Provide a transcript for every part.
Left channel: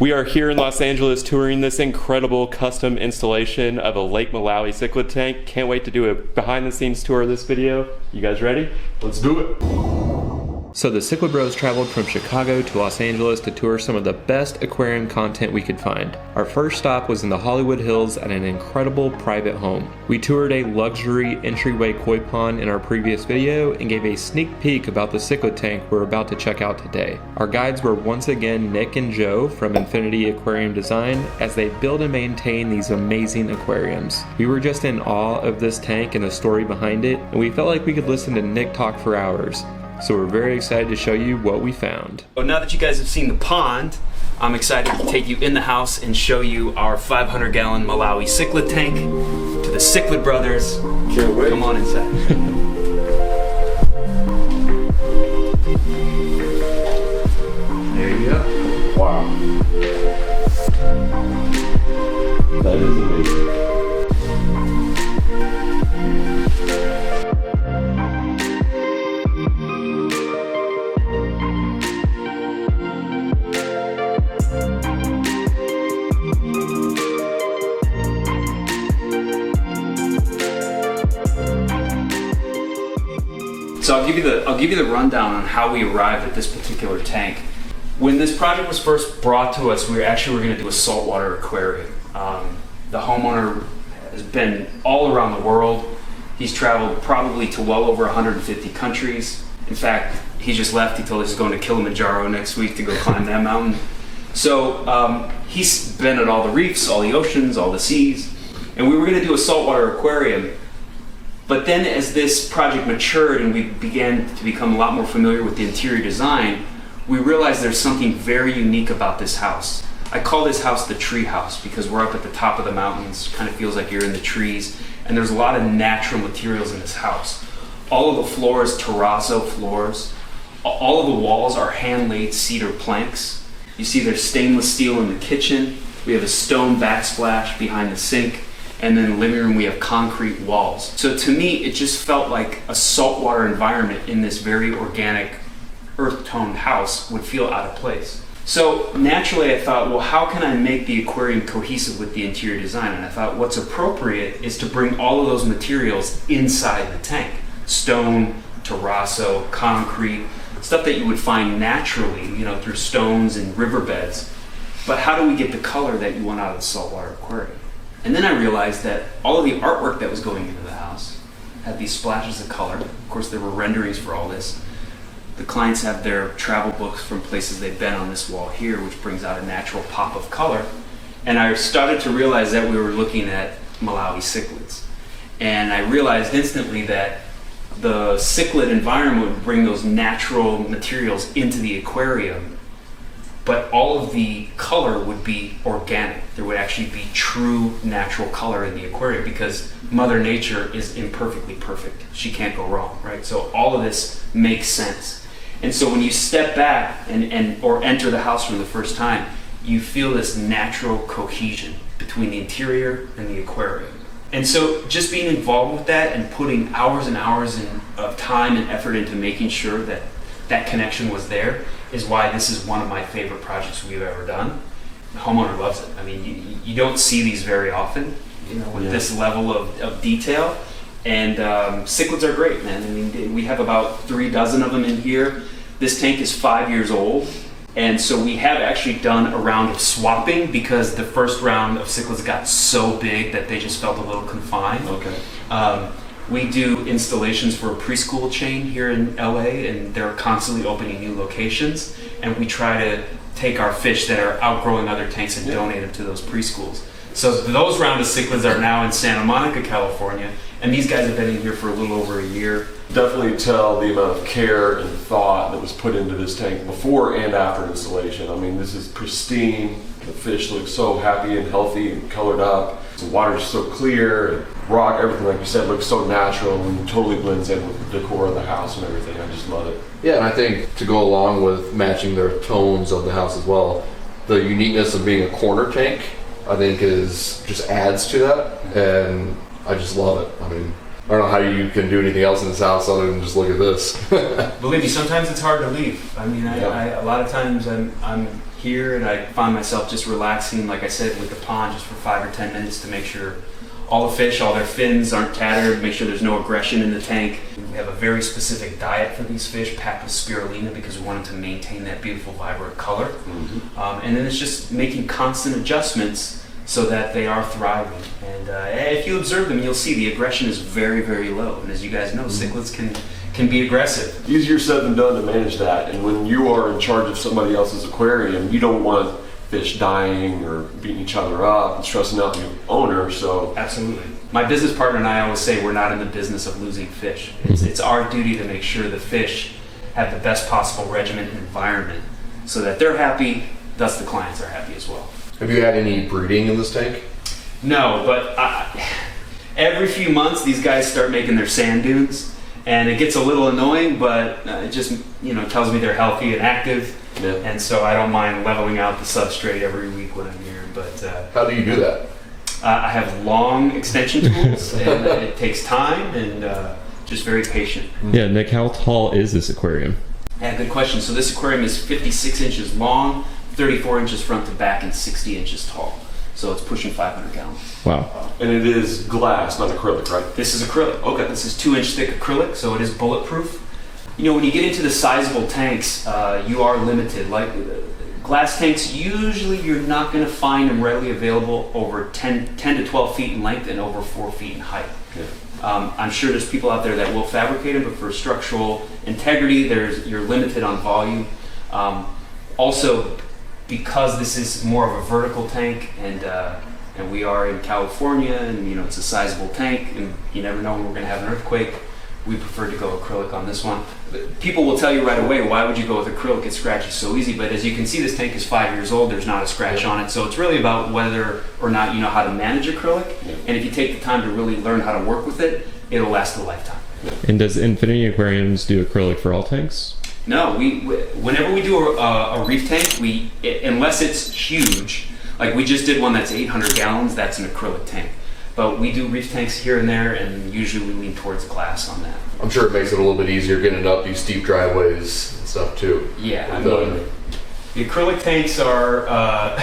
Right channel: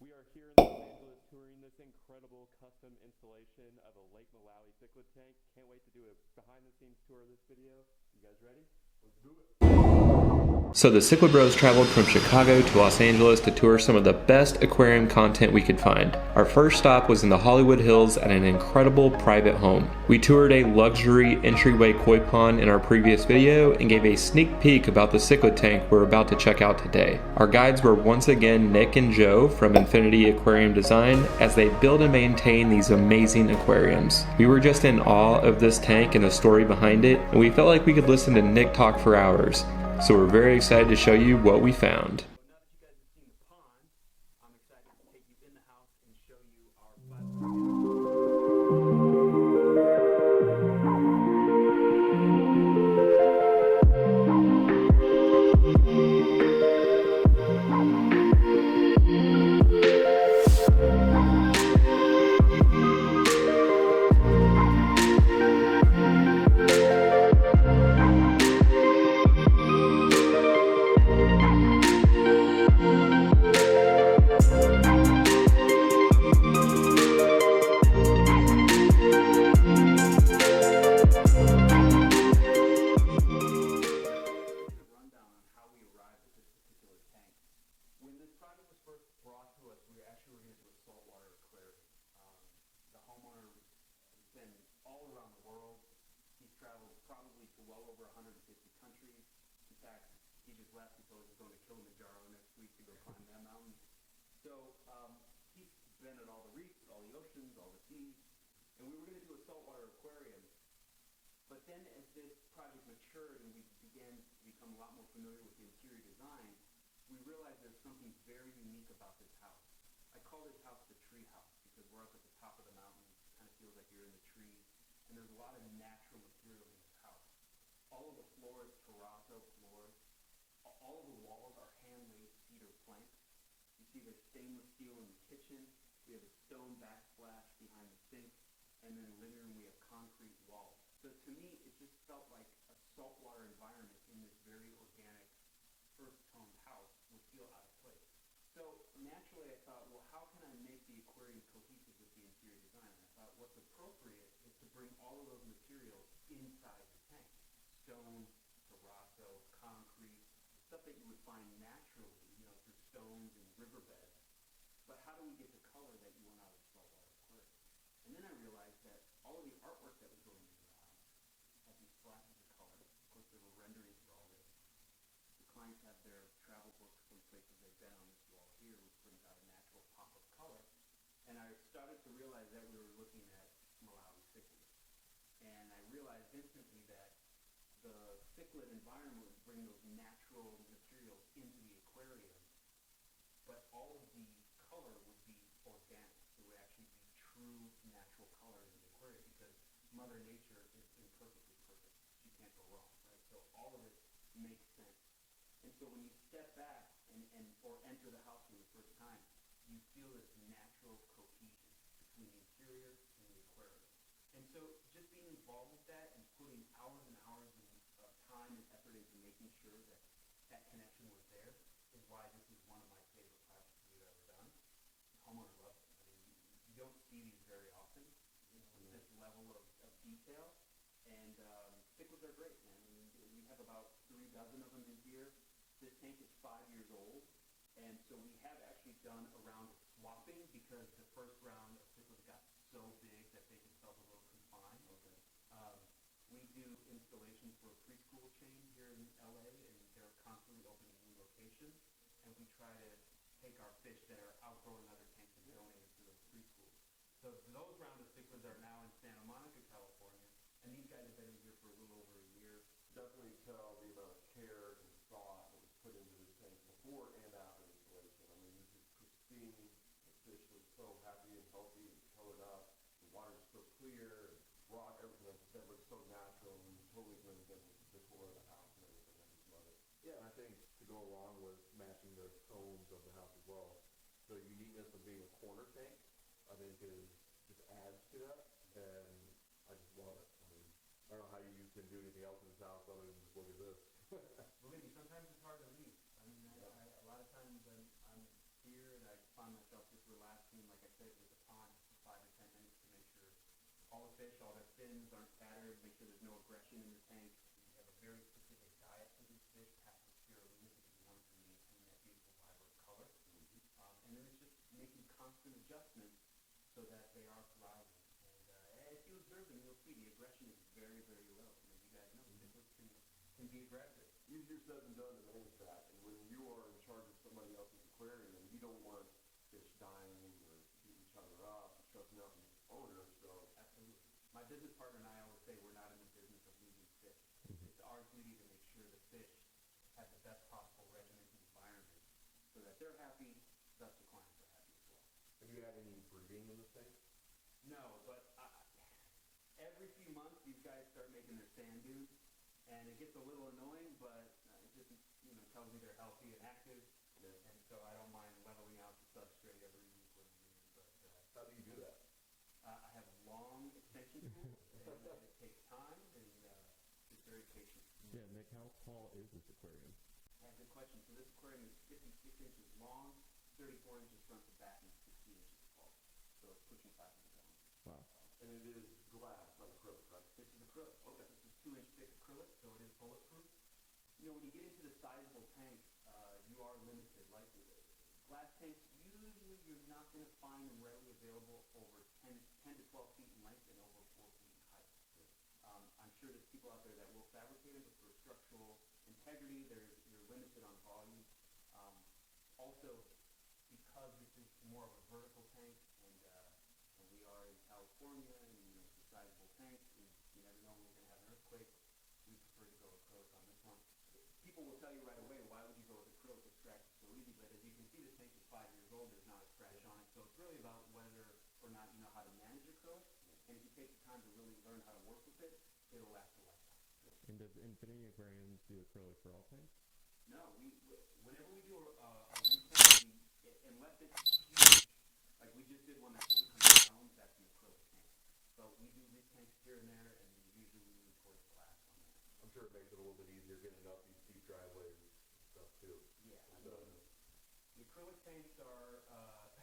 We are here in Los Angeles touring this incredible custom installation of a Lake Malawi cichlid tank. Can't wait to do a behind the scenes tour of this video. You guys ready? Let's do it. So the Cichlid Bros traveled from Chicago to Los Angeles to tour some of the best aquarium content we could find. Our first stop was in the Hollywood Hills at an incredible private home. We toured a luxury entryway koi pond in our previous video and gave a sneak peek about the cichlid tank we're about to check out today. Our guides were once again Nick and Joe from Infinity Aquarium Design as they build and maintain these amazing aquariums. We were just in awe of this tank and the story behind it, and we felt like we could listen to Nick talk for hours. So we're very excited to show you what we found. Well, now that you guys have seen the pond, I'm excited to take you in the house and show you our 500-gallon Malawi cichlid tank to the Cichlid brothers. Can't wait. Come on inside. So I'll give you the rundown on how we arrived at this particular tank. When this project was first brought to us, we were going to do a saltwater aquarium. The homeowner has been all around the world. He's traveled probably to well over 150 countries. In fact, he just left. He told us he's going to Kilimanjaro next week to go climb that mountain. So he's been at all the reefs, all the oceans, all the seas, and we were going to do a saltwater aquarium. But then as this project matured and we began to become a lot more familiar with the interior design, we realized there's something very unique about this house. I call this house the tree house because we're up at the top of the mountains, kind of feels like you're in the trees, and there's a lot of natural materials in this house. All of the floors, terrazzo floors. All of the walls are hand-laid cedar planks. You see there's stainless steel in the kitchen. We have a stone backsplash behind the sink. And then in the living room we have concrete walls. So to me, it just felt like a saltwater environment in this very organic, earth-toned house would feel out of place. So naturally I thought, well, how can I make the aquarium cohesive with the interior design? And I thought what's appropriate is to bring all of those materials inside the tank. Stone, terrazzo, concrete, stuff that you would find naturally, through stones and riverbeds. But how do we get the color that you want out of the saltwater aquarium? And then I realized that all of the artwork that was going into the house had these splashes of color. Of course, there were renderings for all this. The clients have their travel books from places they've been on this wall here, which brings out a natural pop of color. And I started to realize that we were looking at Malawi cichlids. And I realized instantly that the cichlid environment would bring those natural materials into the aquarium, but all of the color would be organic. There would actually be true natural color in the aquarium because Mother Nature is imperfectly perfect. She can't go wrong, right? So all of this makes sense. And so when you step back or enter the house for the first time, you feel this natural cohesion between the interior and the aquarium. And so just being involved with that and putting hours and hours of time and effort into making sure that that connection was there is why this is one of my favorite projects we've ever done. The homeowner loves it. I mean, you don't see these very often, with this level of detail. And cichlids are great, man. I mean, we have about 3 dozen of them in here. This tank is 5 years old. And so we have actually done a round of swapping because the first round of cichlids got so big that they just felt a little confined. Okay. We do installations for a preschool chain here in LA, and they're constantly opening new locations. And we try to take our fish that are outgrowing other tanks and donate them to those preschools. So those round of cichlids are now in Santa Monica, California, and these guys have been in here for a little over a year. Definitely tell the amount of care and thought that was put into this tank before and after installation. I mean, this is pristine. The fish look so happy and healthy and colored up. The water's so clear, and rock, everything, like you said, looks so natural and totally blends in with the decor of the house and everything. I just love it. Yeah, and I think to go along with matching the tones of the house as well, the uniqueness of being a corner tank, I think just adds to that, and I just love it. I mean, I don't know how you can do anything else in this house other than just look at this. Believe me, sometimes it's hard to leave. I mean, a lot of times I'm here, and I find myself just relaxing, like I said, with the pond just for 5 or 10 minutes to make sure all the fish, all their fins aren't tattered, make sure there's no aggression in the tank. We have a very specific diet for these fish, packed with spirulina, because we want them to maintain that beautiful, vibrant color. Mm-hmm. And then it's just making constant adjustments so that they are thriving. And if you observe them, you'll see the aggression is very, very low. And as you guys know, cichlids can be aggressive. Easier said than done to manage that. And when you are in charge of somebody else's aquarium, you don't want fish dying or beating each other up and stressing out the owner. So Absolutely. My business partner and I always say we're not in the business of losing fish. It's our duty to make sure the fish have the best possible regimen and environment so that they're happy, thus the clients are happy as well. Have you had any breeding in this tank? No, but every few months these guys start making their sand dunes, and it gets a little annoying, but it just tells me they're healthy and active. Yeah. And so I don't mind leveling out the substrate every week when I'm here. But How do you do that? I have long extension tools, and it takes time and just very patient. Yeah, Nick, how tall is this aquarium? Yeah, good question. So this aquarium is 56 inches long, 34 inches front to back, and 60 inches tall. So it's pushing 500 gallons. Wow. And it is glass, not acrylic, right? This is acrylic. Okay. This is 2-inch thick acrylic, so it is bulletproof. When you get into the sizable tanks, you are limited. Like glass tanks, usually you're not going to find them readily available over 10 to 12 feet in length and over 4 feet in height. Yeah. I'm sure there's people out there that will fabricate them, but for structural integrity, you're limited on volume. Also, because this is more of a vertical tank, and we are in California, and it's a sizable tank, and you never know when we're going to have an earthquake, we prefer to go acrylic on this one. People will tell you right away, why would you go with acrylic? It scratches so easy, but as you can see, this tank is 5 years old. There's not a scratch on it, so it's really about whether or not you know how to manage acrylic. Yeah. And if you take the time to really learn how to work with it, it'll last a lifetime. And does Infinity Aquariums do acrylic for all tanks? No, whenever we do a reef tank, unless it's huge, like we just did one that's 800 gallons, that's an acrylic tank. But we do reef tanks here and there, and usually we lean towards glass on that. I'm sure it makes it a little bit easier getting it up these steep driveways and stuff too. Yeah, I With, mean, the acrylic tanks are,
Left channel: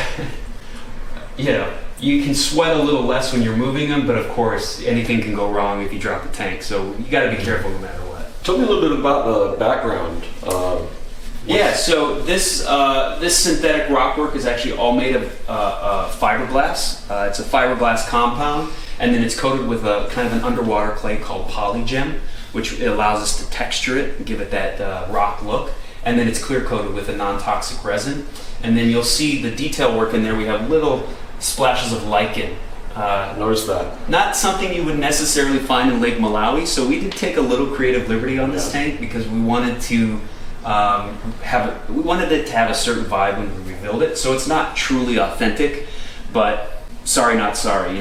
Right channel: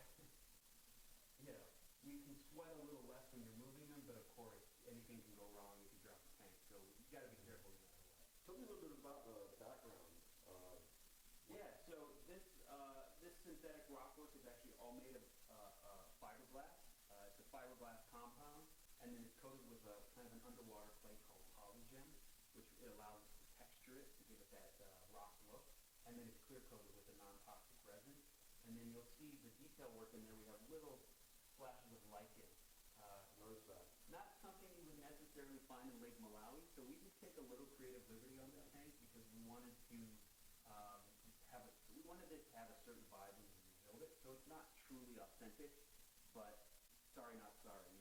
you can sweat a little less when you're moving them, but of course, anything can go wrong if you drop the tank. So you got to be careful no matter what. Tell me a little bit about the background. Yeah, so this synthetic rockwork is actually all made of fiberglass. It's a fiberglass compound, and then it's coated with a kind of an underwater clay called polygem, which allows us to texture it and give it that rock look. And then it's clear coated with a non-toxic resin. And then you'll see the detail work in there. We have little splashes of lichen. Notice that. Not something you would necessarily find in Lake Malawi, so we did take a little creative liberty on this tank because we wanted to we wanted it to have a certain vibe when we rebuild it. So it's not truly authentic, but sorry, not sorry.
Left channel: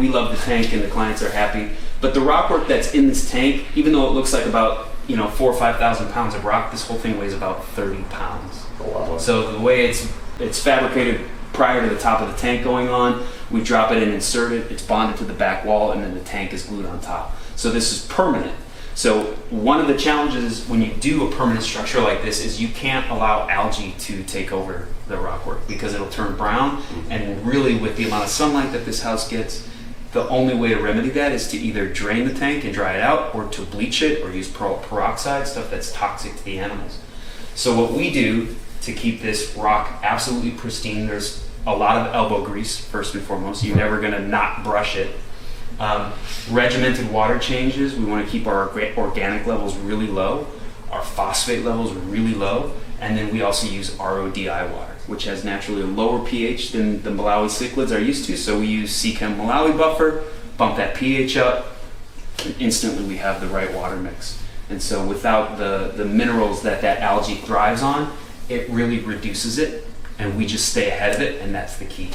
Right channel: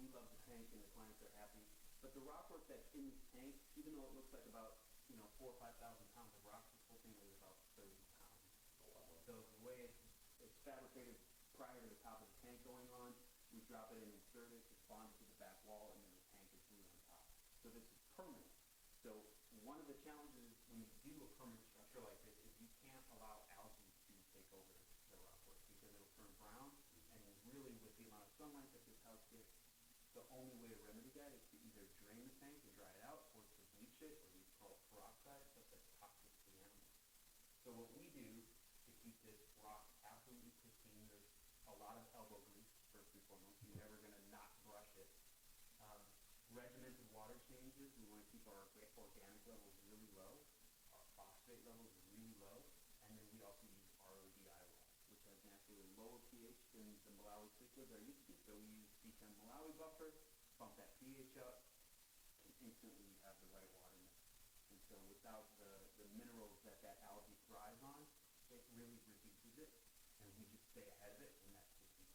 We love the tank and the clients are happy. But the rockwork that's in this tank, even though it looks like about 4,000 or 5,000 pounds of rock, this whole thing weighs about 30 pounds. Oh, wow. So the way it's fabricated prior to the top of the tank going on, we drop it and insert it, it's bonded to the back wall, and then the tank is glued on top. So this is permanent. So one of the challenges when you do a permanent structure like this is you can't allow algae to take over the rockwork because it'll turn brown, and really with the amount of sunlight that this house gets, the only way to remedy that is to either drain the tank and dry it out, or to bleach it, or use peroxide, stuff that's toxic to the animals. So what we do to keep this rock absolutely pristine, there's a lot of elbow grease, first and foremost. You're never going to not brush it. Regimented water changes. We want to keep our organic levels really low, our phosphate levels really low, and then we also use RODI water, which has naturally a lower pH than the Malawi cichlids are used to. So we use Seachem Malawi buffer, bump that pH up, and instantly we have the right water mix. And so without the minerals that algae thrives on, it really reduces it, and we just stay ahead of it, and that's the key.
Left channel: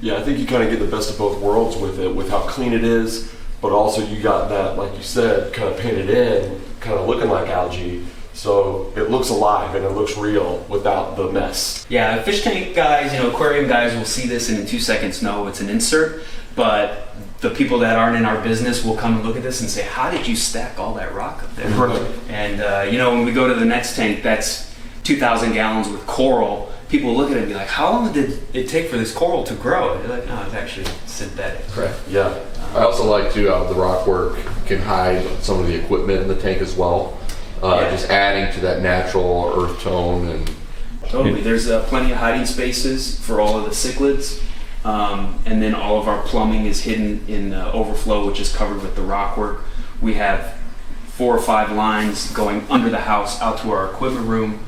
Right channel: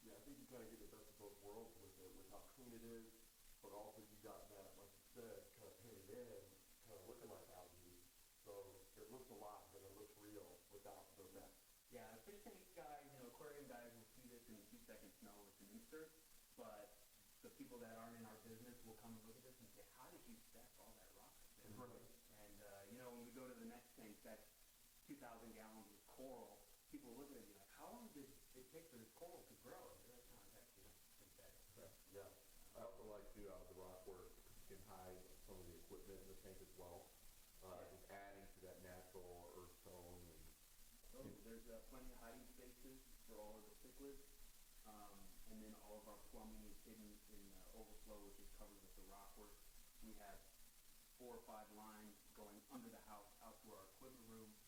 Yeah, I think you kind of get the best of both worlds with it, with how clean it is, but also you got that, like you said, kind of painted in, kind of looking like algae. So it looks alive and it looks real without the mess. Yeah, fish tank guys, aquarium guys will see this and in 2 seconds know it's an insert, but the people that aren't in our business will come and look at this and say, how did you stack all that rock up there? Right. And when we go to the next tank, that's 2,000 gallons with coral, people look at it and be like, how long did it take for this coral to grow? And they're like, no, it's actually synthetic. Right. Yeah. I also like to the rockwork can hide some of the equipment in the tank as well. Yeah. Just adding to that natural earth tone and Totally. There's plenty of hiding spaces for all of the cichlids. And then all of our plumbing is hidden in the overflow, which is covered with the rockwork. We have 4 or 5 lines going under the house out to our equipment room.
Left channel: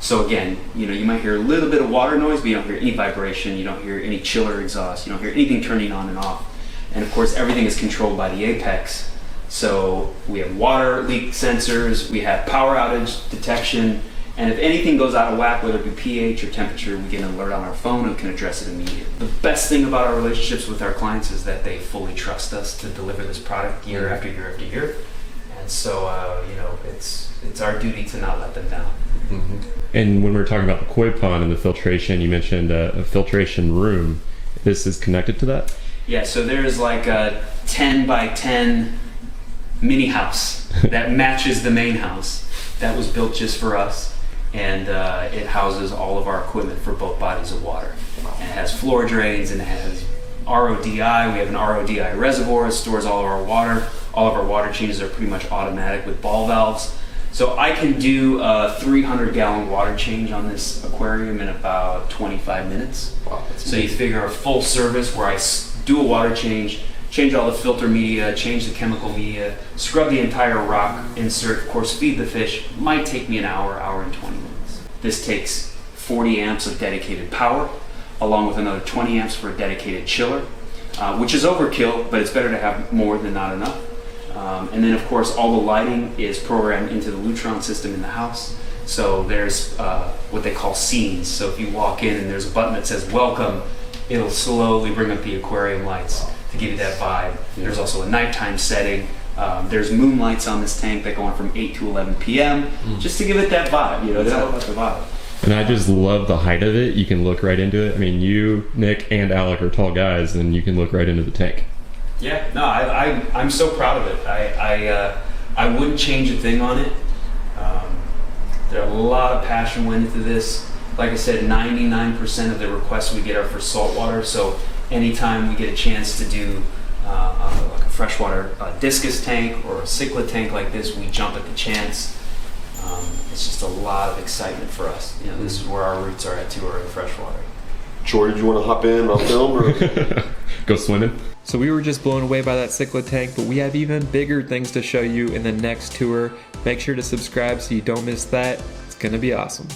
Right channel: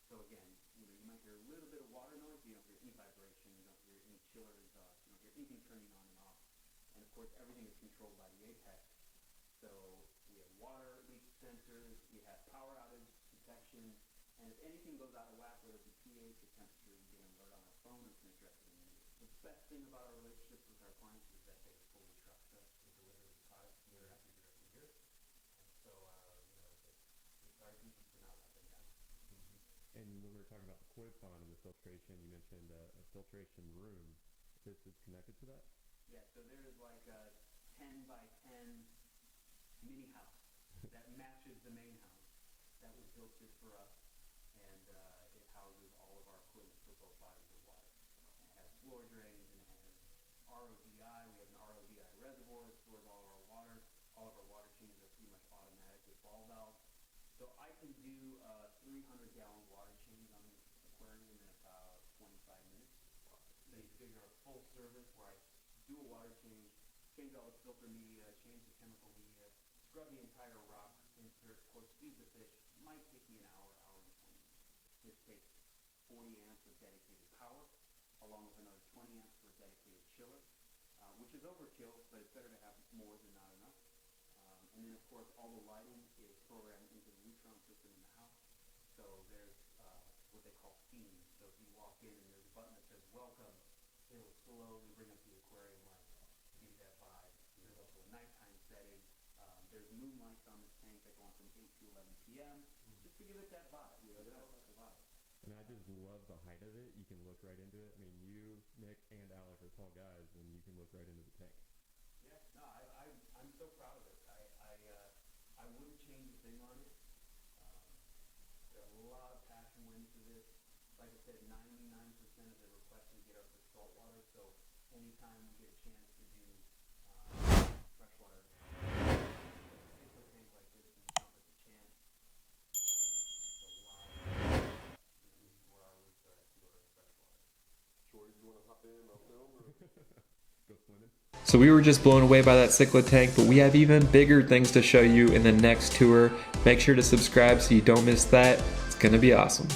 So again, you might hear a little bit of water noise, but you don't hear any vibration, you don't hear any chiller exhaust, you don't hear anything turning on and off. And of course, everything is controlled by the apex. So we have water leak sensors, we have power outage detection, and if anything goes out of whack, whether it be pH or temperature, we get an alert on our phone and can address it immediately. The best thing about our relationships with our clients is that they fully trust us to deliver this product year after year after year. And so, it's our duty to not let them down. Mm-hmm. And when we were talking about the koi pond and the filtration, you mentioned a filtration room. This is connected to that? Yeah, so there's like a 10 by 10 mini house that matches the main house that was built just for us, and it houses all of our equipment for both bodies of water. And it has floor drains and it has RODI. We have an RODI reservoir. It stores all of our water. All of our water changes are pretty much automatic with ball valves. So I can do a 300-gallon water change on this aquarium in about 25 minutes. wow. So you figure a full service where I do a water change all the filter media, change the chemical media, scrub the entire rock insert, of course feed the fish, might take me an hour and 20 minutes. This takes 40 amps of dedicated power, along with another 20 amps for a dedicated chiller, which is overkill, but it's better to have more than not enough. And then of course all the lighting is programmed into the Lutron system in the house. So there's what they call scenes. So if you walk in and there's a button that says welcome, it'll slowly bring up the aquarium lights to give you that vibe. There's also a nighttime setting. There's moonlights on this tank that go on from 8 to 11 p.m. just to give it that vibe. It's all about the vibe. And I just love the height of it. You can look right into it. I mean, you, Nick, and Alec are tall guys, and you can look right into the tank. Yeah, no, I'm so proud of it. I wouldn't change a thing on it. There a lot of passion went into this. Like I said, 99% of the requests we get are for saltwater. So anytime we get a chance to do like a freshwater discus tank or a cichlid tank like this, we jump at the chance. It's just a lot of excitement for us. This is where our roots are at too, are in freshwater. Troy, did you want to hop in on film or go swimming? So we were just blown away by that cichlid tank, but we have even bigger things to show you in the next tour. Make sure to subscribe so you don't miss that. It's gonna be awesome.